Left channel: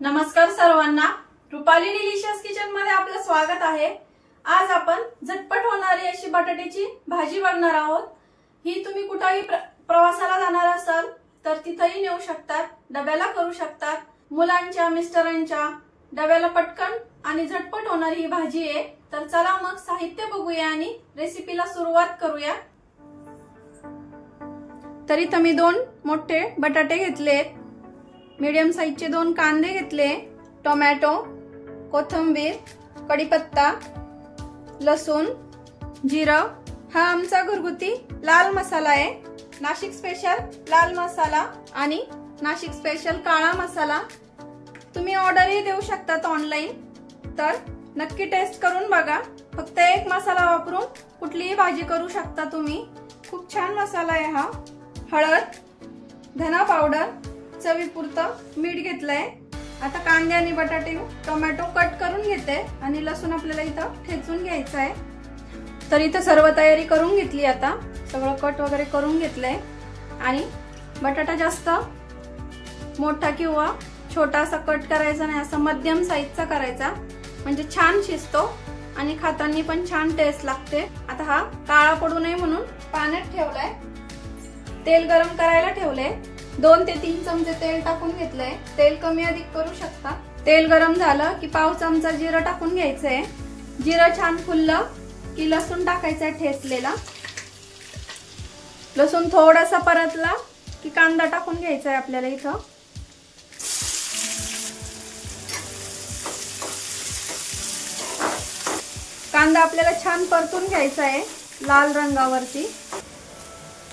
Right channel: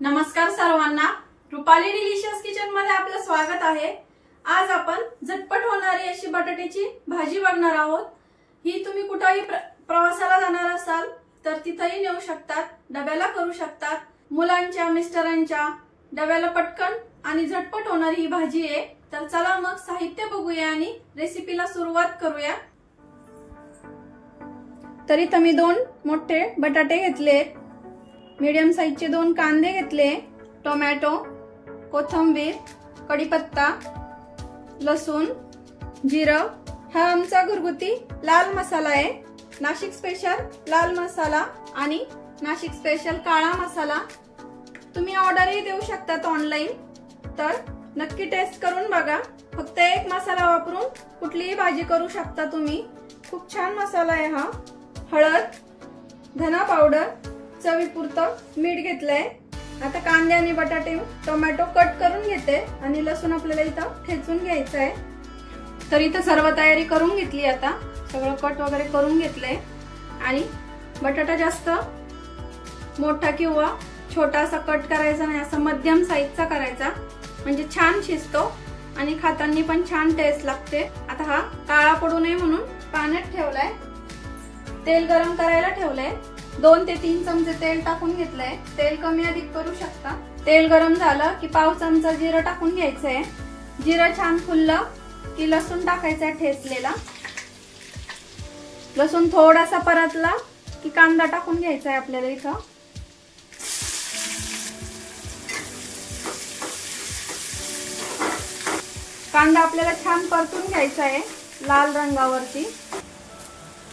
नमस्कार सर्वांना, Rupali delicious kitchen मध्ये आपलं स्वागत आहे। आज आपण झटपट होणारी अशी बटाट्याची भाजी बघणार आहोत। ही तुम्ही कुठेही प्रवासाला जाणार असाल तर तिथेही नेऊ शकतात, डब्याला करू शकतात। मुलांच्या मिस्टरांच्या डब्याला पटकन आणि झटपट होणारी ही भाजी आहे। तर चला मग साहित्य बघूया आणि रेसिपीला सुरुवात करूया। तरी इथे मी 2 मोठे बटाटे घेतलेत, मीडियम साइजचे 2 कांदे घेतले, टोमॅटो, कोथिंबीर, कढीपत्ता, लसूण, जिरं। हा आमचा घरगुती लाल मसाला आहे, नाशिक स्पेशल लाल मसाला आणि नाशिक स्पेशल काळा मसाला। तुम्ही ऑर्डरही देऊ शकता ऑनलाइन, तर नक्की टेस्ट करून बघा। फक्त एक मसाला वापरून कुठलीही भाजी करू शकता तुम्ही। खूप छान मसाला आहे हा। हळद, धना पावडर, चवीपुरतं मीठ घेतलंय। आता कांदे आणि बटाटे, टोमॅटो कट करून घेते आणि लसूण आपल्याला इथं ठेचून घ्यायचं आहे। तर इथं सर्व तयारी करून घेतली, आता सगळं कट वगैरे करून घेतलंय। आणि बटाटा जास्त मोठा किंवा छोटा असा कट करायचा नाही, असा मध्यम साईजचा करायचा, म्हणजे छान शिजतो आणि खाताना पण छान टेस्ट लागते। आता हा काळा पडू नये म्हणून पाण्यात ठेवलाय, तेल गरम करायला ठेवलंय। 2 ते 3 चमचे तेल टाकून घेतलंय, तेल कमी अधिक करू शकता। तेल गरम झालं की पाव चमचा जिरं टाकून घ्यायचंय। जिरं छान फुललं की लसूण टाकायचा ठेचलेला। लसूण थोडासा परतला की कांदा टाकून घ्यायचा आहे आपल्याला इथं। कांदा आपल्याला छान परतून घ्यायचा आहे लाल रंगावरती।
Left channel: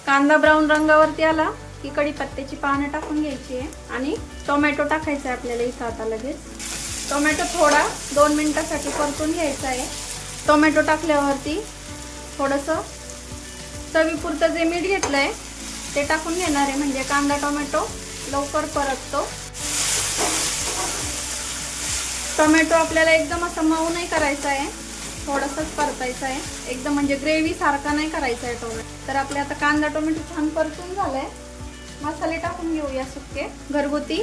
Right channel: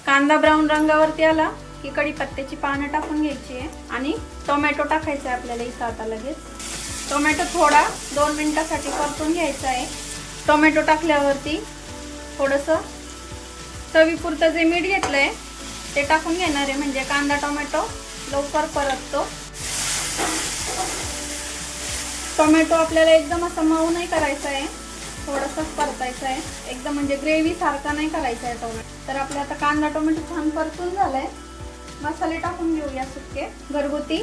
कांदा ब्राऊन रंगावरती आला की कढीपत्त्याची पानं टाकून घ्यायची आहे आणि टोमॅटो टाकायचा आहे आपल्याला इथं। आता लगेच टोमॅटो थोडा 2 मिनिटांसाठी परतून घ्यायचा आहे। टोमॅटो टाकल्यावरती थोडंसं चवीपुरतं जे मीठ घेतलंय ते टाकून घेणार आहे, म्हणजे कांदा टोमॅटो लवकर परततो। टोमॅटो आपल्याला एकदम असं मऊ नाही करायचा आहे, थोडंसंच परतायचं आहे, एकदम म्हणजे ग्रेव्ही सारखा नाही करायचा आहे टोमॅटो। तर आपले आता कांदा टोमॅटो छान परतून झालाय। मसाले टाकून घेऊया सुके। घरगुती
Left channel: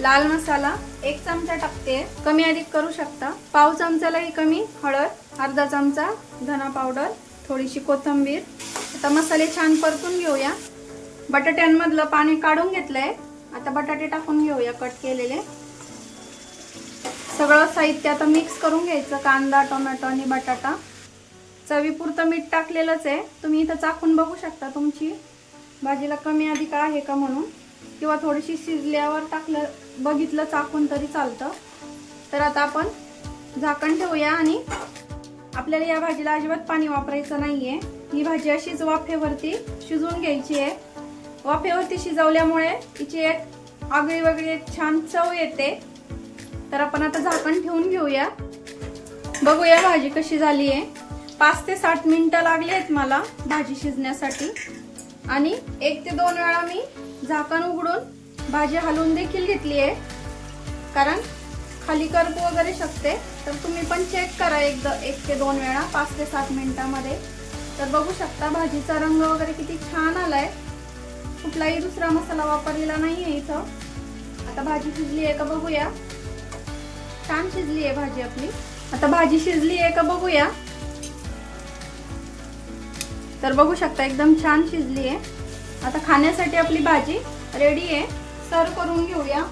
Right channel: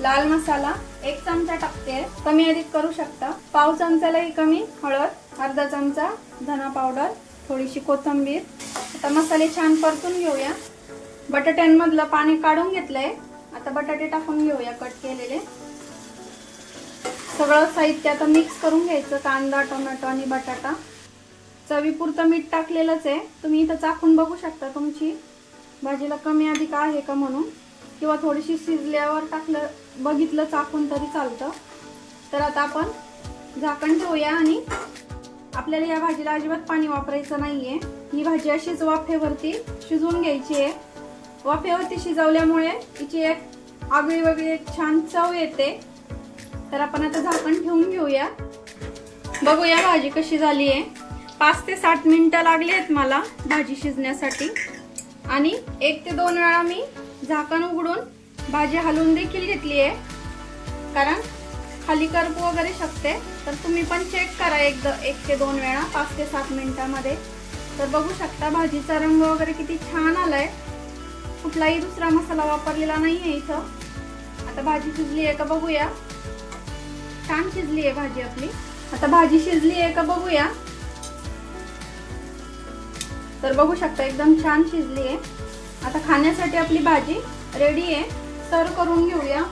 लाल मसाला 1 चमचा टाकते, कमी अधिक करू शकता। पाव चमचालाही कमी हळद, अर्धा चमचा धना पावडर, थोडीशी कोथिंबीर। आता मसाले छान परतून घेऊया। बटाट्यांमधलं पाणी काढून घेतलंय, आता बटाटे टाकून घेऊया कट केलेले। सगळं साहित्य आता मिक्स करून घ्यायचं, कांदा, टोमॅटो आणि बटाटा। चवीपुरतं मीठ टाकलेलंच आहे, तुम्ही इथं चाखून बघू शकता तुमची भाजीला कमी अधिक आहे का म्हणून, किंवा थोडीशी शिजल्यावर टाकलं बघितलं चाखून तरी चालतं। तर आता आपण झाकण ठेवूया आणि आपल्याला या भाजीला अजिबात पाणी वापरायचं नाहीये। ही भाजी अशीच वाफेवरती शिजवून घ्यायची आहे। वाफेवरती शिजवल्यामुळे तिची एक आगळी वेगळी छान चव येते। तर आपण आता झाकण ठेवून घेऊया, बघूया भाजी कशी झाली आहे। 5 ते 7 मिनिटं लागली आहेत मला भाजी शिजण्यासाठी, आणि 1 ते 2 वेळा मी झाकण उघडून भाजी हलवून देखील घेतली आहे, कारण खाली करपू वगैरे शकते। तर तुम्ही पण चेक करा 1 ते 2 वेळा 5 ते 7 मिनिटांमध्ये। तर बघू शकता भाजीचा रंग वगैरे किती छान आलाय, कुठलाही दुसरा मसाला वापरलेला नाहीये इथं। आता भाजी शिजली आहे का बघूया। छान शिजली आहे भाजी आपली। आता भाजी शिजली आहे का बघूया। तर बघू शकता एकदम छान शिजली आहे। आता खाण्यासाठी आपली भाजी रेडी आहे, सर्व करून घेऊया।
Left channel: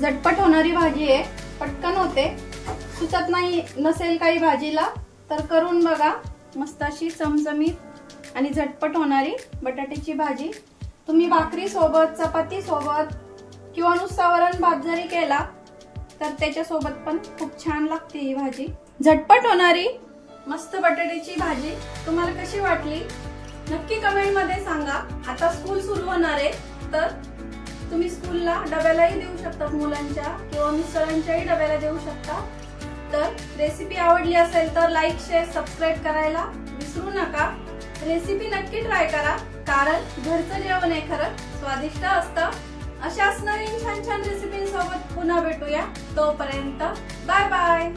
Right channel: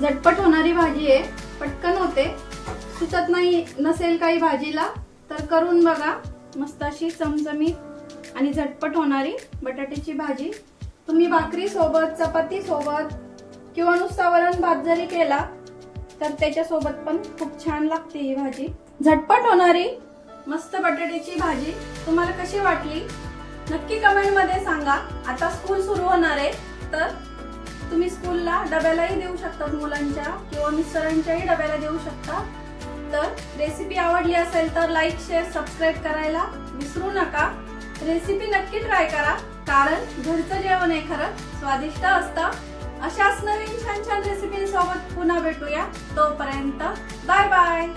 झटपट होणारी भाजी आहे, पटकन होते, सुचत नाही नसेल काही भाजीला तर करून बघा। मस्त अशी चमचमीत आणि झटपट होणारी बटाट्याची भाजी तुम्ही भाकरी सोबत, चपाती सोबत किंवा नुसता वरण भात जरी केला तर त्याच्या सोबत पण खूप छान लागते ही भाजी। झटपट होणारी मस्त बटाट्याची भाजी तुम्हाला कशी वाटली नक्की कमेंट मध्ये सांगा। आता स्कूल सुरू होणार आहे, तर तुम्ही स्कूलला डब्यालाही देऊ शकता, मुलांच्या किंवा मिस्टरांच्याही डब्याला देऊ शकता। तर रेसिपी आवडली असेल तर लाईक, शेअर, सबस्क्राईब करायला विसरू नका। रेसिपी नक्की ट्राय करा, कारण घरचं जेवण हे खरंच स्वादिष्ट असतं। अशाच नवीन छान छान रेसिपींसोबत पुन्हा भेटूया, तोपर्यंत बाय बाय।